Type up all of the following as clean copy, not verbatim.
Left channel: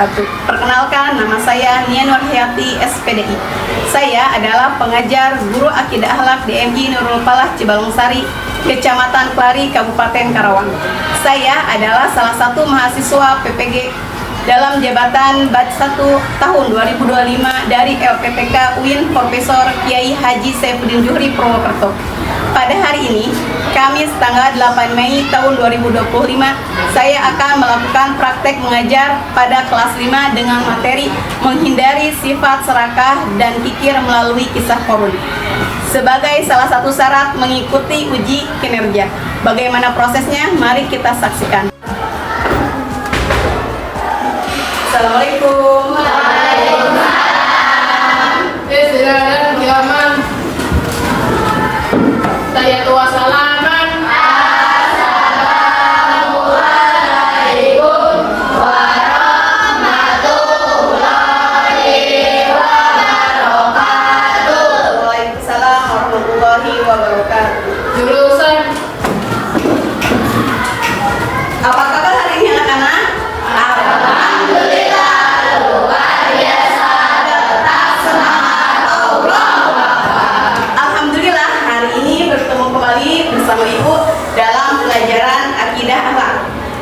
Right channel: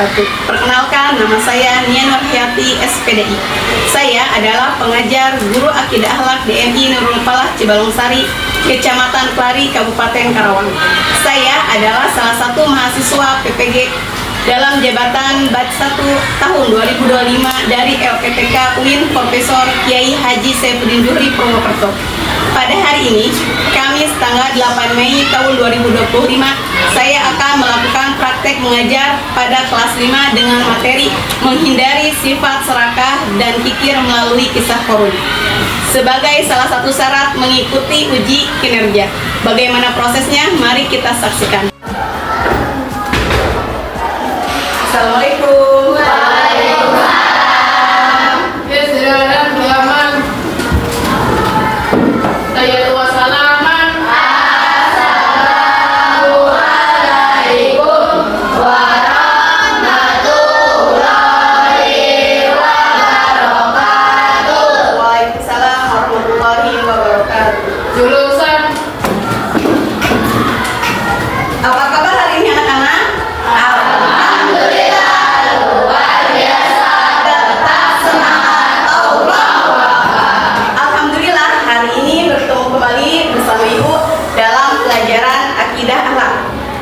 wabarakatuh. Perkenalkan, nama saya Nia Nurhayati, SPDI. Saya adalah pengajar guru akidah akhlak DMI Nurul Falah Cibalungsari, Kecamatan Klari, Kabupaten Karawang. Saya adalah salah satu mahasiswa PPG dalam jabatan batch 1 tahun 2025 dari LPPK UIN Profesor Kiai Haji Saifuddin Juhri Purwokerto. Pada hari ini, Kamis tanggal 8 Mei tahun 2025, saya akan melakukan praktek mengajar pada kelas 5 dengan materi menghindari sifat serakah dan kikir melalui kisah korun. Sebagai salah satu syarat mengikuti uji kinerja. Bagaimana prosesnya? Mari kita saksikan. Assalamualaikum. Jurusan. Apa kabar hari ini anak-anak? Alhamdulillah luar biasa, tetap semangat. Alhamdulillah hari ini bertemu kembali bersama Ibu dalam pelajaran akidah akhlak.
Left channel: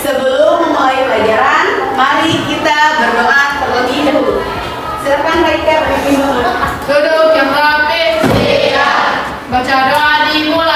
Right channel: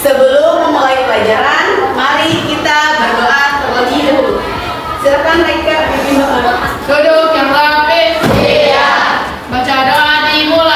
Sebelum memulai pelajaran, mari kita berdoa terlebih dahulu. Silakan Raika pimpin doa. Duduk yang rapi. Iya. Baca doa dimulai.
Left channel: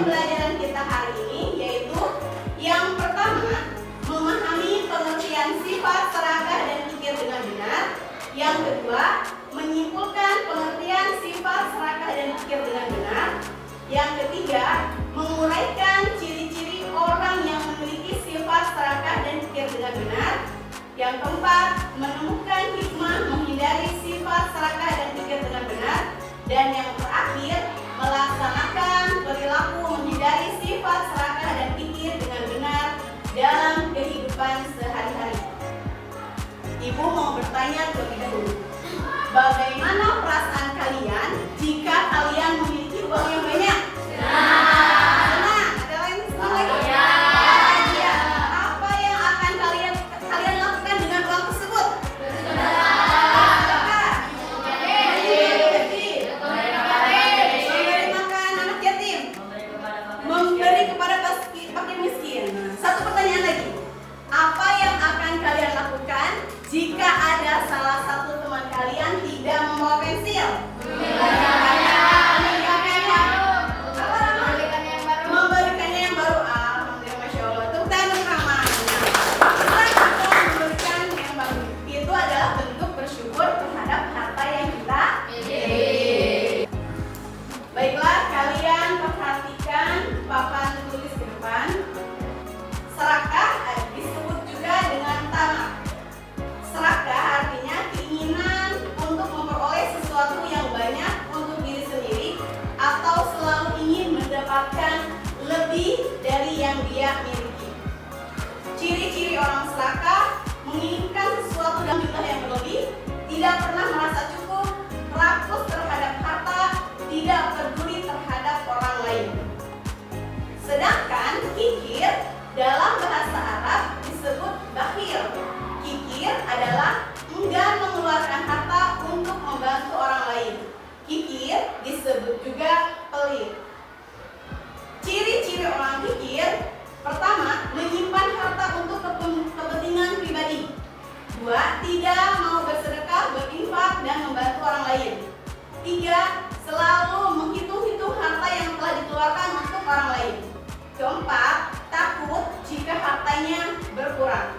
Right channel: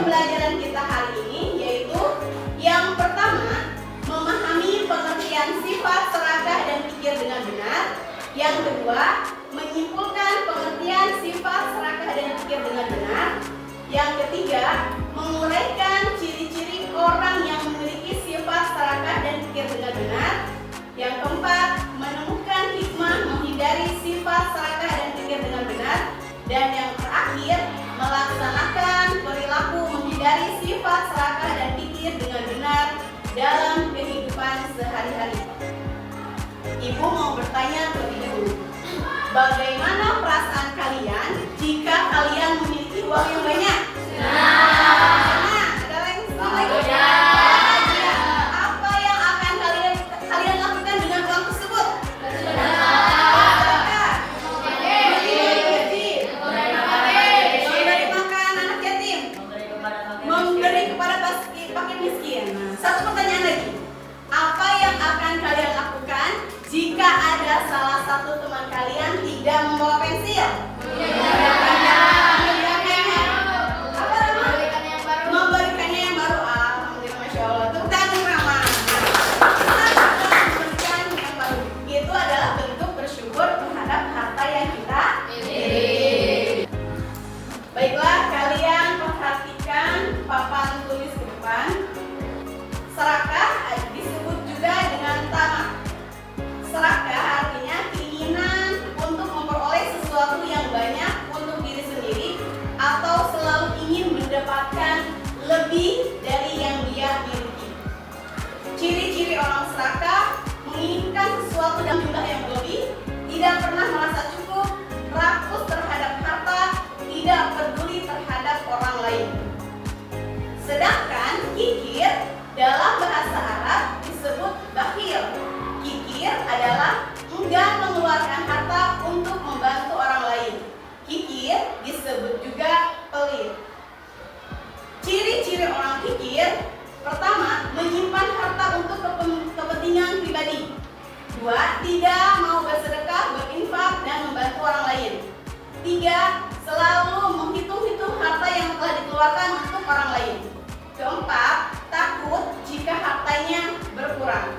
pembelajaran kita hari ini, yaitu yang pertama, memahami pengertian sifat serakah dan kikir dengan benar. Yang kedua, menyimpulkan pengertian sifat serakah dan kikir dengan benar. Yang ketiga, menguraikan ciri-ciri orang yang memiliki sifat serakah dan kikir dengan benar. Yang keempat, menemukan hikmah menghindari sifat serakah dan kikir dengan benar. Dan yang terakhir, melaksanakan perilaku menghindari sifat serakah dan kikir dengan benar dalam kehidupan sehari-hari. Ibu mau bertanya terlebih dahulu, bagaimana perasaan kalian jika kalian memiliki uang yang banyak? Senang. Ada yang senang lagi? Bahagia. Apa yang akan kalian lakukan dengan uang tersebut? Memberi makan anak yatim, memberi kepada fakir miskin. Nah, satu pertanyaan lagi, apa yang akan kalian lakukan jika ada salah satu teman kalian tidak membawa pensil? Memberikannya yang baru. Alhamdulillah, Masya Allah. Tepuk tangan Rama. Memberikan yang baru itu adalah bentuk bersyukur terhadap harta yang kita miliki. Baiklah, kalian perhatikan papan tulis di depan. Serakah disebut juga dengan tamak. Serakah artinya keinginan untuk memperoleh sesuatu yang banyak untuk diri sendiri atau selalu ingin mendapatkan lebih dari yang dia miliki. Ciri-ciri orang serakah: menginginkan sesuatu dalam jumlah yang berlebih, tidak pernah merasa cukup, rakus terhadap harta, tidak peduli terhadap orang lain. Sedangkan kikir dalam bahasa Arab disebut bakhil. Kikir adalah enggan mengeluarkan harta untuk membantu orang lain. Kikir disebut juga pelit. Ciri-ciri orang kikir: pertama, menyimpan harta untuk kepentingan pribadi. Dua, tidak mau bersedekah, berinfak, dan membantu orang lain. Tiga, selalu menghitung-hitung harta yang telah dikeluarkan untuk orang lain. Keempat, takut jika hartanya berkurang.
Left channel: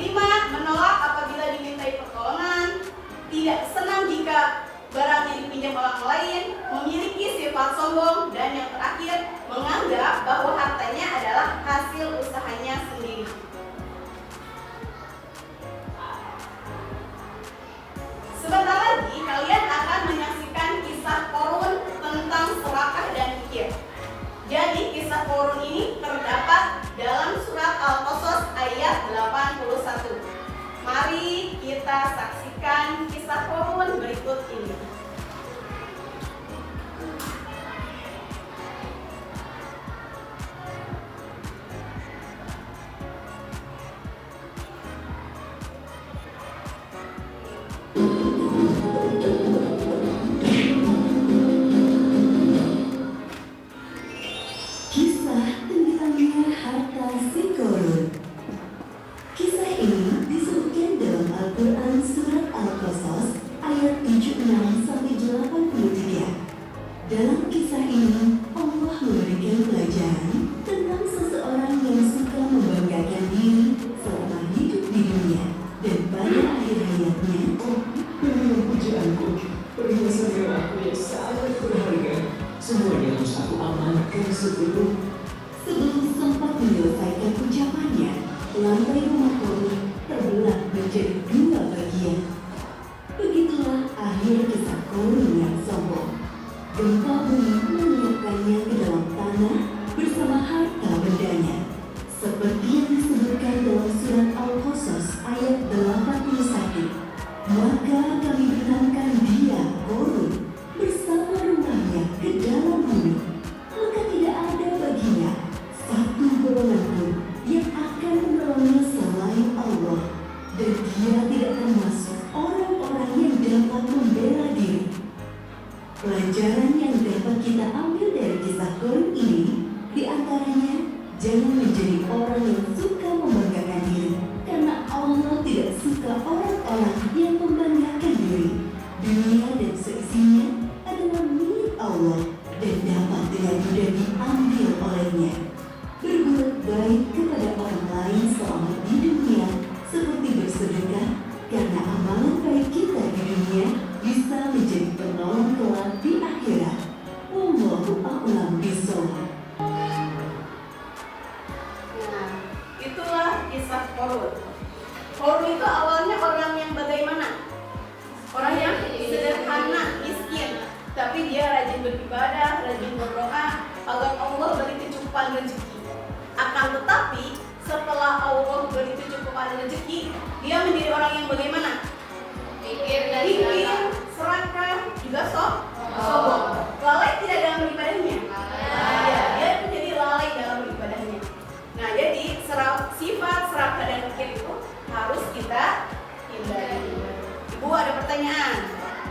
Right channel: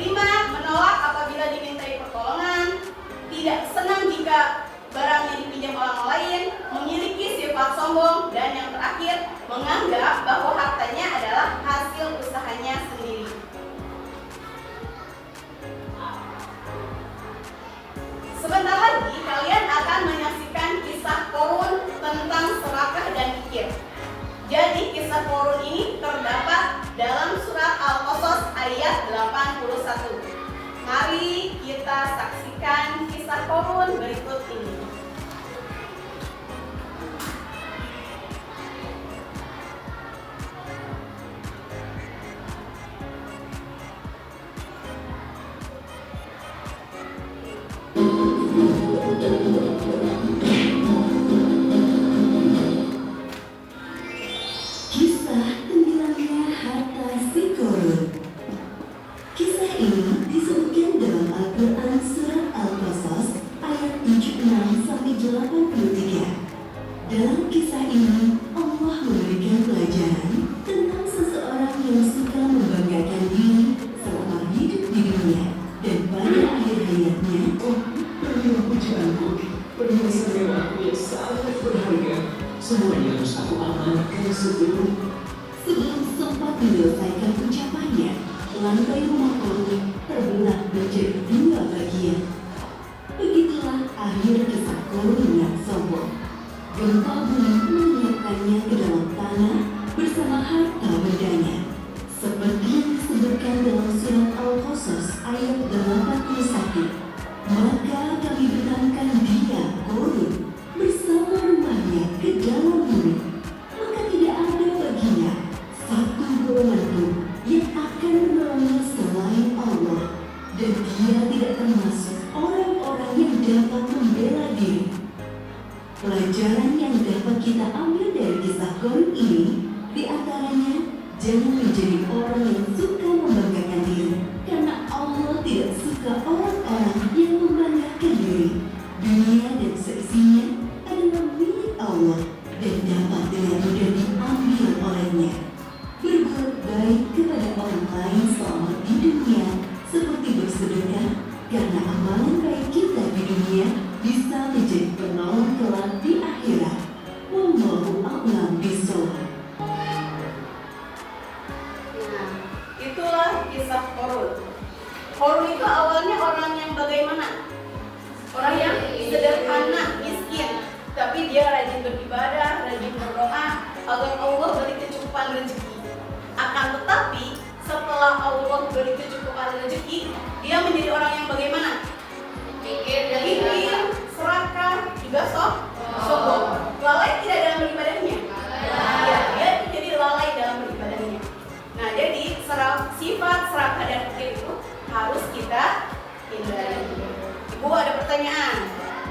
5. Menolak apabila dimintai pertolongan. Tidak senang jika barangnya dipinjam orang lain. Memiliki sifat sombong. Dan yang terakhir, menganggap bahwa hartanya adalah hasil usahanya sendiri. Sebentar lagi kalian akan menyaksikan kisah Qorun tentang serakah dan kikir. Jadi kisah Qorun ini terdapat dalam surat Al-Qasas ayat 81. Mari kita saksikan kisah Qorun berikut ini. Dalam kisah ini, Allah memberikan pelajaran tentang seseorang yang suka membanggakan diri selama hidup di dunia dan pada akhir hayatnya. Oh, berilah pujianku, perhiasan mewahku yang sangat berharga. Semuanya harus aku amankan sebelum Sempat menyelesaikan ucapannya, lantai rumah Qorun terbelah menjadi 2 bagian. Begitulah akhir kisah Qorun yang sombong. Gempa bumi menyiapkannya ke dalam tanah bersama harta bendanya. Seperti yang disebutkan dalam surat Al-Qasas ayat 81. Maka kami benamkan dia, Qorun, bersama rumahnya ke dalam bumi. Maka tidak ada baginya satu golongan pun yang akan menolongnya selain Allah. Dan dia tidak termasuk orang-orang yang dapat membela diri. Pelajaran yang dapat kita ambil dari kisah Qorun ini, diantaranya jangan menjadi orang yang suka membanggakan diri, karena Allah tidak suka orang-orang yang membanggakan diri. Dunia dan seisinya adalah milik Allah dan dapat dengan mudah diambil bisa menjadi penolong kelak di akhirat. Wallahu a'lam bishawab. Nah, itulah kisah Korun. Korun itu awalnya orang yang bagaimana? Orang yang sederhana, miskin, tapi dia rajin beribadah, rajin berdoa agar Allah beri kecukupan rezeki. Akan tetapi setelah Allah beri kecukupan rezeki, dia menjadi orang yang bagaimana? Ingin, serakah, juga sombong. Lalai tidak dalam beribadahnya. Ya, dia menjadi lalai dalam beribadahnya. Nah, jadi sifat serakah dan kikir itu harus kita hindari. Ibu ada pertanyaan,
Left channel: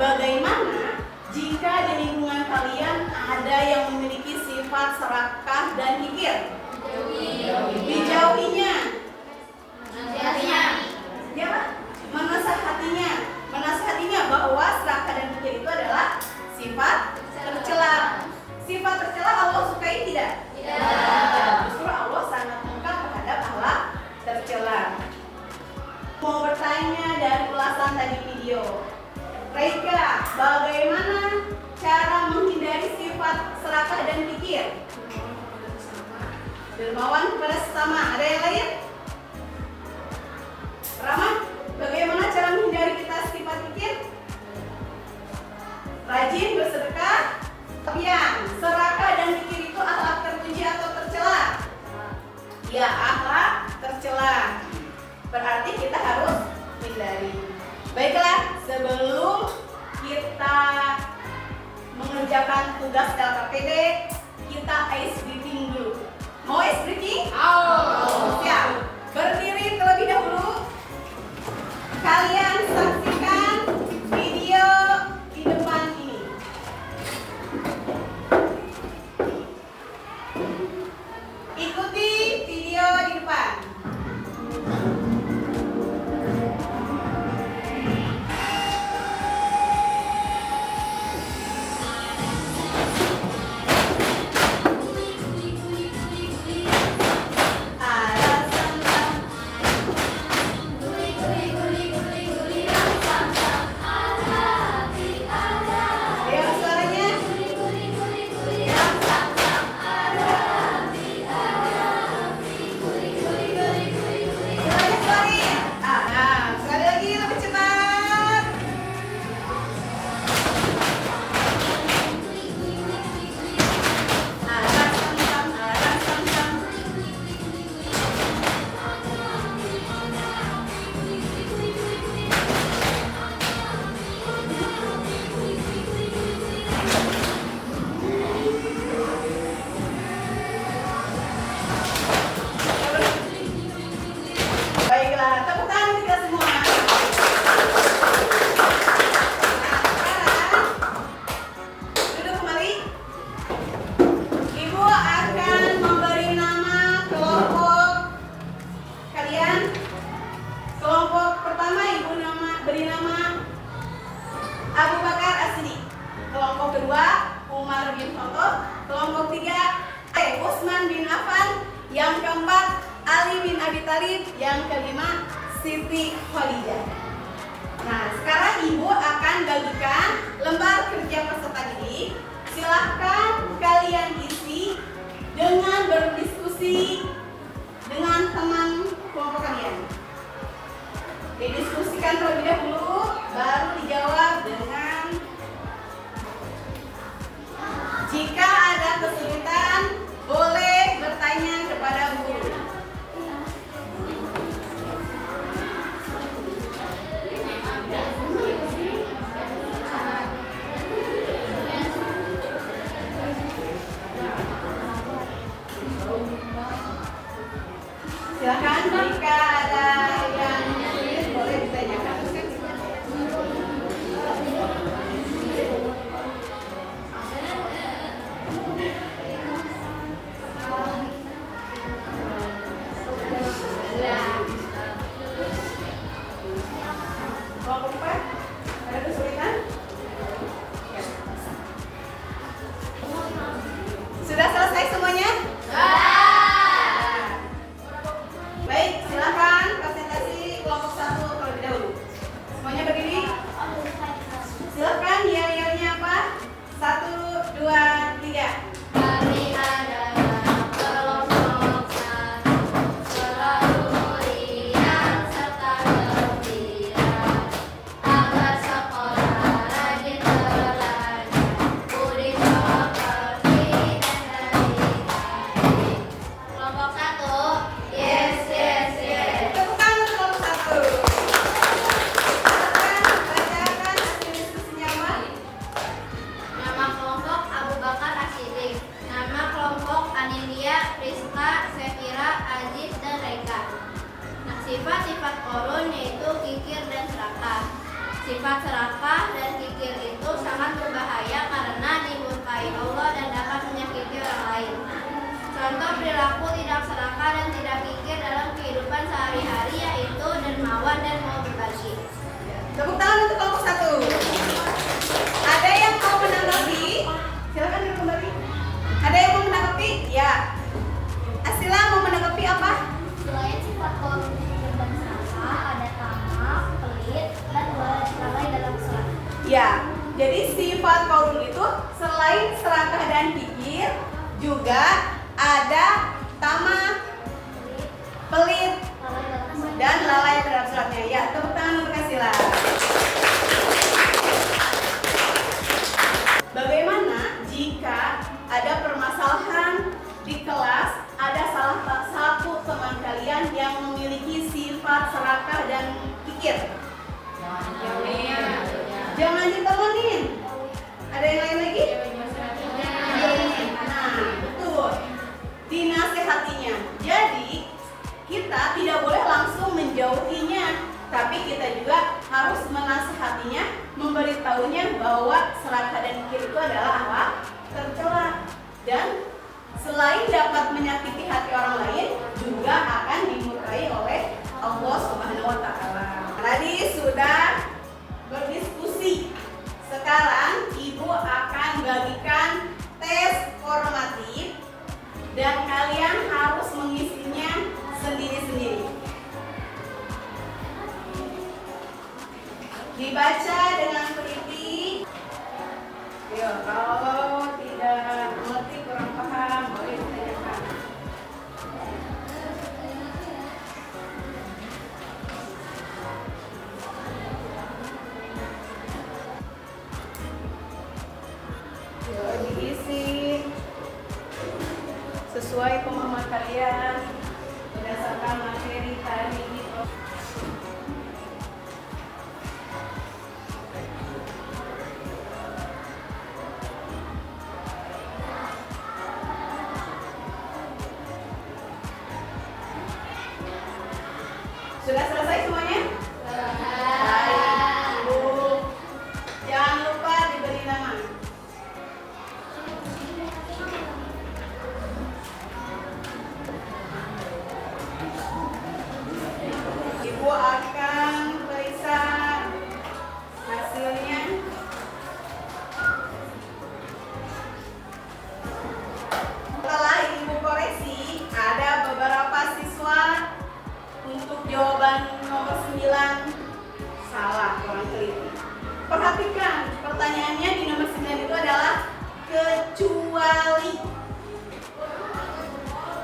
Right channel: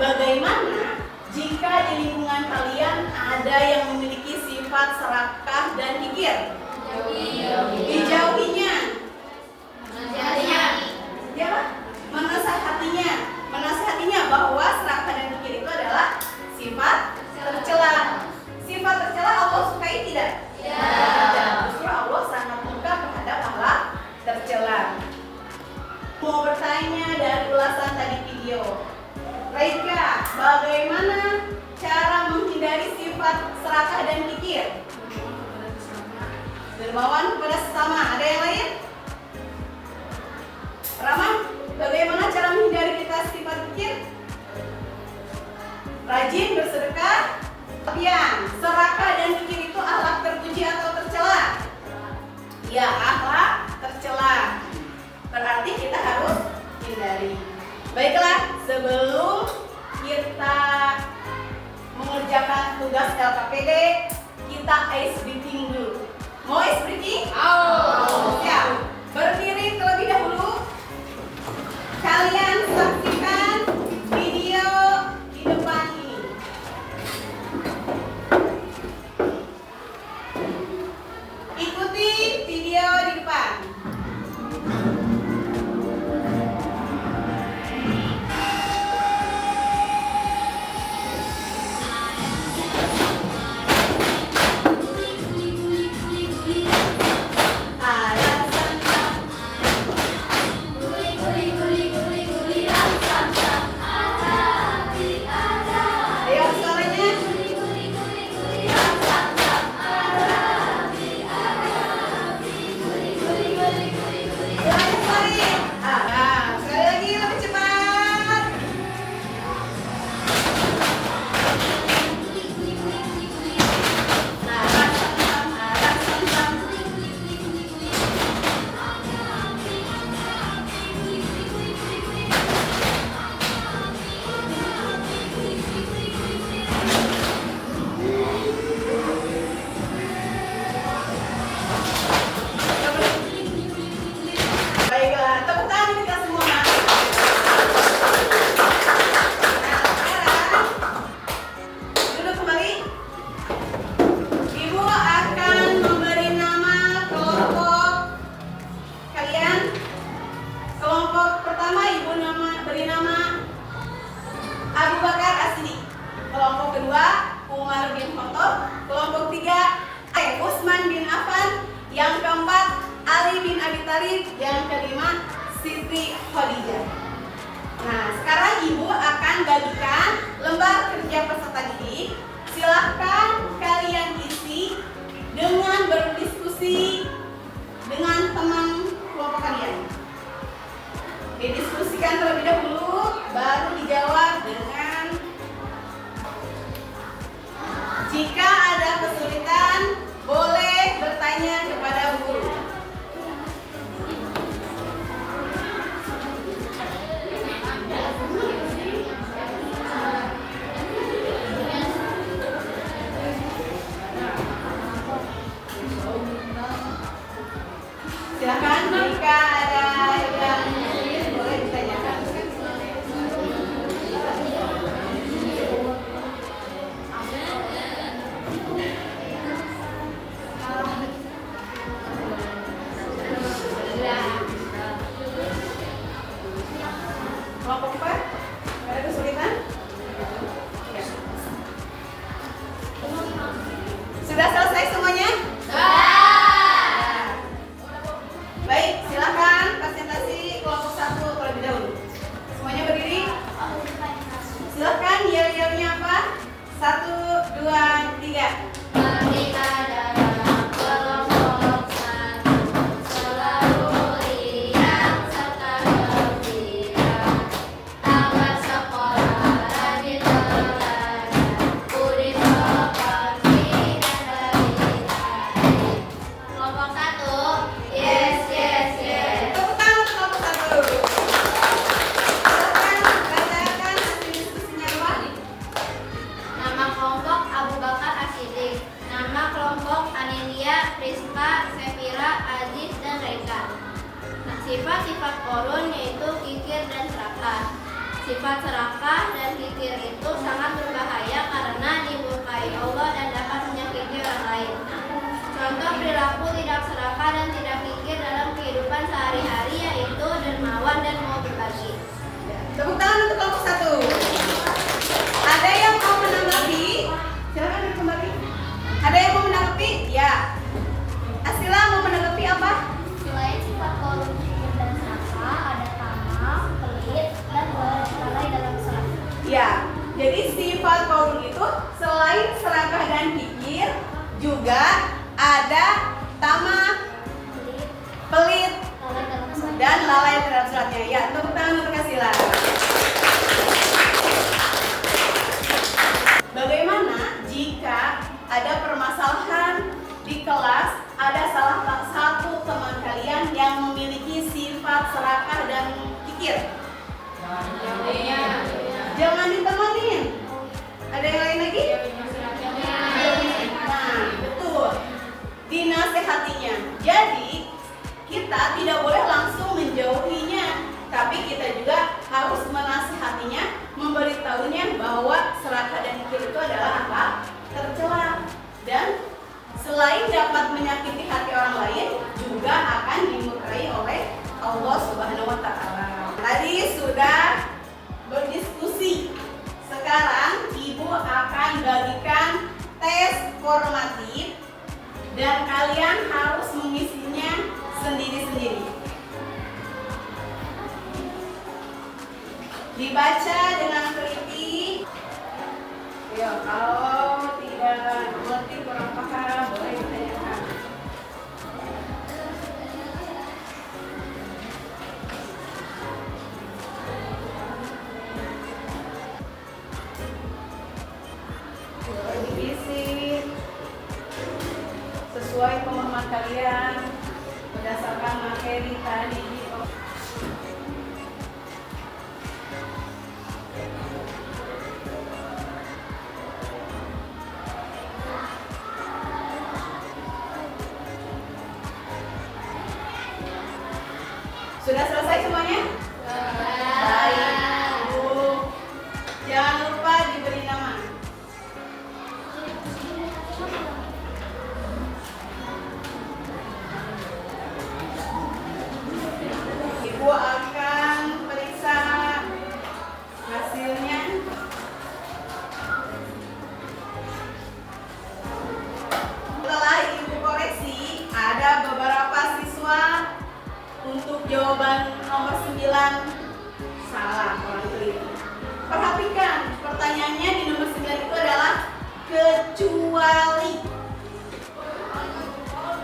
bagaimana jika di lingkungan kalian ada yang memiliki sifat serakah dan kikir? Dijauhinya. Ya, menasihatinya bahwa serakah dan kikir itu adalah sifat tercela. Sifat tercela Allah sukai tidak? Tidak. Justru Allah sangat murka terhadap hal tercela. Mau bertanya dari ulasan tadi video, Reika, bagaimana cara menghindari sifat serakah dan kikir? Dermawan kepada sesama. Ada yang lain? Rama, bagaimana cara menghindari kita sifat kikir? Rajin bersedekah. Pian, serakah dan kikir itu akhlak terpuji atau tercela? Ya, akhlak tercela. Berarti kita harus hindari. Baiklah, sebelum kita mengerjakan tugas LKPD, kita ice breathing dulu. Mau ice breathing? Siap. Berdiri terlebih dahulu. Kalian saksikan video di depan ini. Ikuti video di depan. Yang kelima, Siti Khadijah. Nah, sekarang Ibu akan bagikan lembar kerja peserta didik. Silahkan kalian isi dengan berdiskusi dengan teman kelompok kalian. Didiskusikan terlebih dahulu, baru dijawab dengan jika ada kesulitan, boleh bertanya kepada guru. Silakan jika ada yang sulit boleh ditanyakan. Kelompok 4, ada kesulitan? Ya. Sudah selesai semuanya? Baik, silakan presentasi kelompok 1 terlebih dahulu. Semuanya berdiri. Silakan 2, 3. Kami adalah kelompok satu, selalu riang serta gembira. Tamat sekolah rajin belajar, budi pekerti dan dari. Kelompok satu, yes yes yes. Tepuk tangan untuk kelompok 1. Silakan bacakan hasil diskusinya, Wan. Nama kelompok Abu Bakar Asyidik. Nama kelompok Anilia, Priska, Sefira, Aziz, dan Reka. Nah, sifat-sifat korun yaitu kikir dan serakah. Sifat serakah dan kikir itu sangat berbahaya karena dimurkai Allah dan dapat menyakiti orang lain. Contoh perilaku tidak serakah dan tidak kikir dalam kehidupan sehari-hari yaitu dermawan dan mau berbagi. Tepuk tangan untuk kelompok 1. Ada yang mau menanggapi? Silakan kembali. Ada yang mau menanggapi? Ya. Asila mau menanggapi apa? Selain sifat korun, kikir, dan serakah, ada tamak, pelit, dan lalai dalam serakah. Ya. Jadi sifat kaum itu selain serakah dan kikir juga ada tamak, pelit, dan lalai terhadap seratnya. Ya, tepuk tangan untuk Asila. Bagaimana jika ada permasalahan di kelas, ada salah satu teman kalian yang memiliki sifat serakah dan kikir? Jangan ditemenin. Ada yang lain lagi? Nah, betul. Dinasehatinya. Jadi, kita tidak boleh langsung menjauhinya, tapi kita juga harus menasehatinya, memberitahunya bahwa serakah dan kikir itu adalah apa? Tercela. Dan selain dapat menyakiti hati orang lain, juga akan dimurkai oleh Allah Subhanahu wa Ta'ala. Tadi sudah berdiskusi. Sekarang Ibu akan bagikan tes formatif dan kalian harus mengisinya sendiri-sendiri. Dibaca dengan teliti. Yo, kalau tidak mengerti, kurang paham, boleh ditanyakan. Boleh diisi sesuai pemahaman kalian berdasarkan materi tadi di Sudah selesai semuanya? Baik, Bu. Jangan lupa diberi nama. Ibu akan periksa hasilnya. Setelah Ibu koreksi, ada beberapa siswa untuk jawaban nomor 9 salah, kurang teliti. Perhatikan, pertanyaannya di nomor 9 itu adalah kecuali.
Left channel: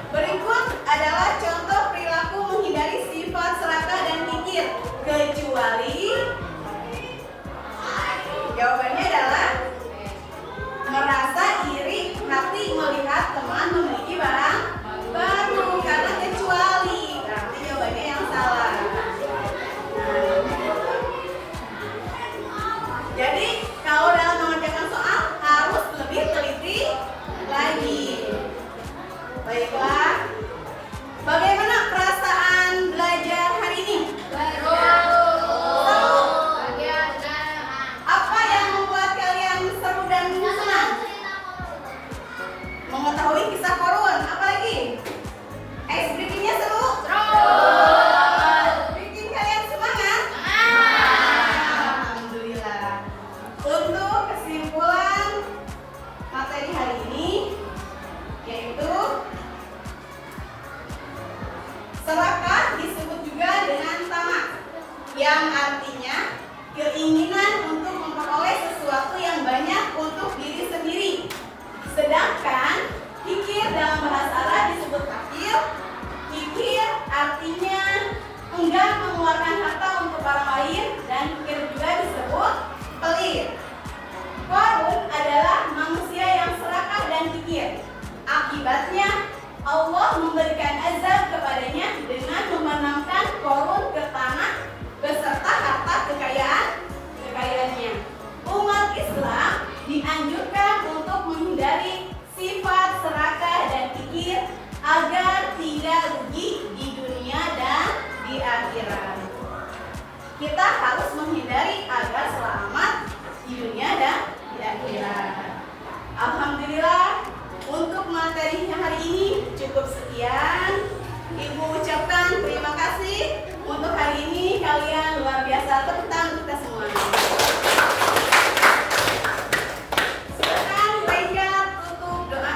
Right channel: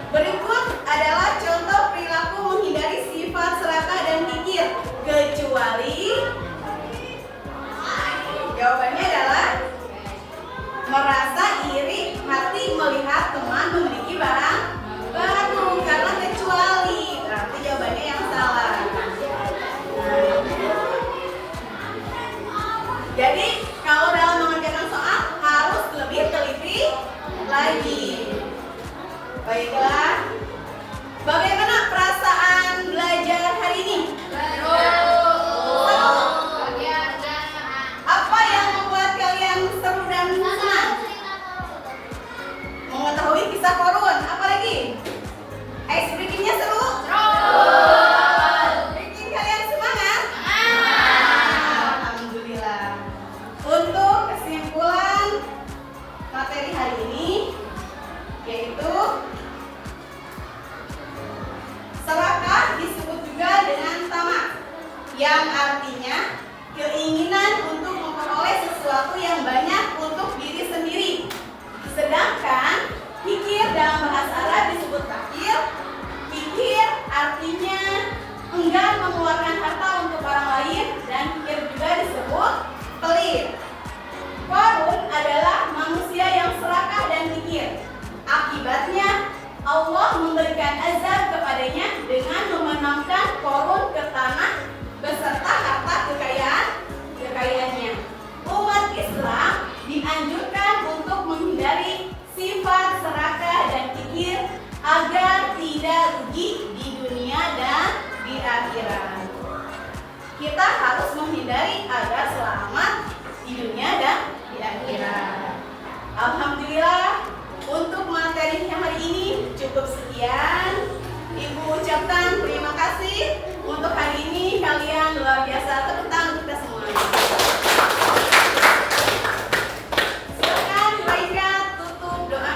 Berikut adalah contoh perilaku menghindari sifat serakah dan kikir. Kecuali jawabannya adalah merasa iri hati melihat teman memiliki barang baru, karena kecuali berarti jawabannya yang salah. Jadi kalau dalam mengerjakan soal harus lebih teliti lagi. Baiklah, bagaimana perasaan belajar hari ini? Seru. Apa yang membuat kalian seru dan senang? Mengetahui kisah korun, apa lagi? Ice breaking-nya seru? Bikin kalian semangat? Alhamdulillah. Untuk kesimpulan materi hari ini, yaitu serakah disebut juga dengan tamak, yang artinya keinginan untuk memperoleh sesuatu yang banyak untuk diri sendiri dan azab kepadanya dengan memenamkan korun ke tanah beserta harta kekayaannya. Umat Islam dianjurkan untuk menghindari sifat serakah dan kikir agar tidak rugi di dunia dan di akhirat. Kita harus menghindari agar selamat di dunia dan di akhirat. Alhamdulillah, untuk materi yang hari ini cukup sekian. Ibu ucapkan terima kasih. Untuk hari ini kalian luar biasa. Tepuk tangan kita semuanya. Silakan Raika tutup doa.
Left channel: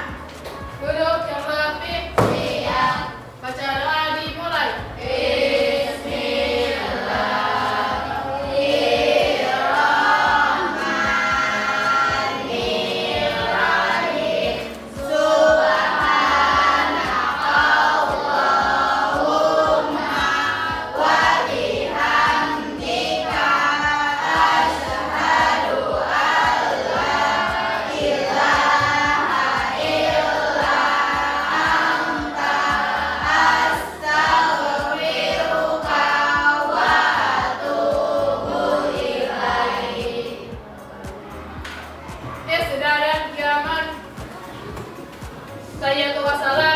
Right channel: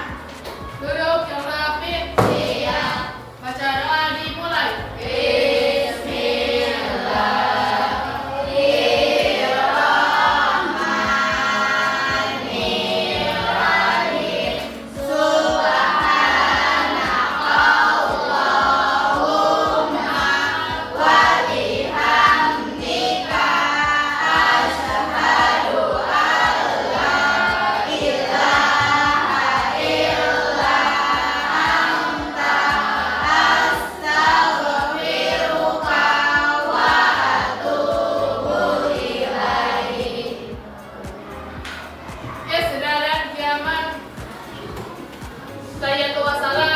Duduk yang rapi. Baca doa dimulai. Sayyidatu wassalam.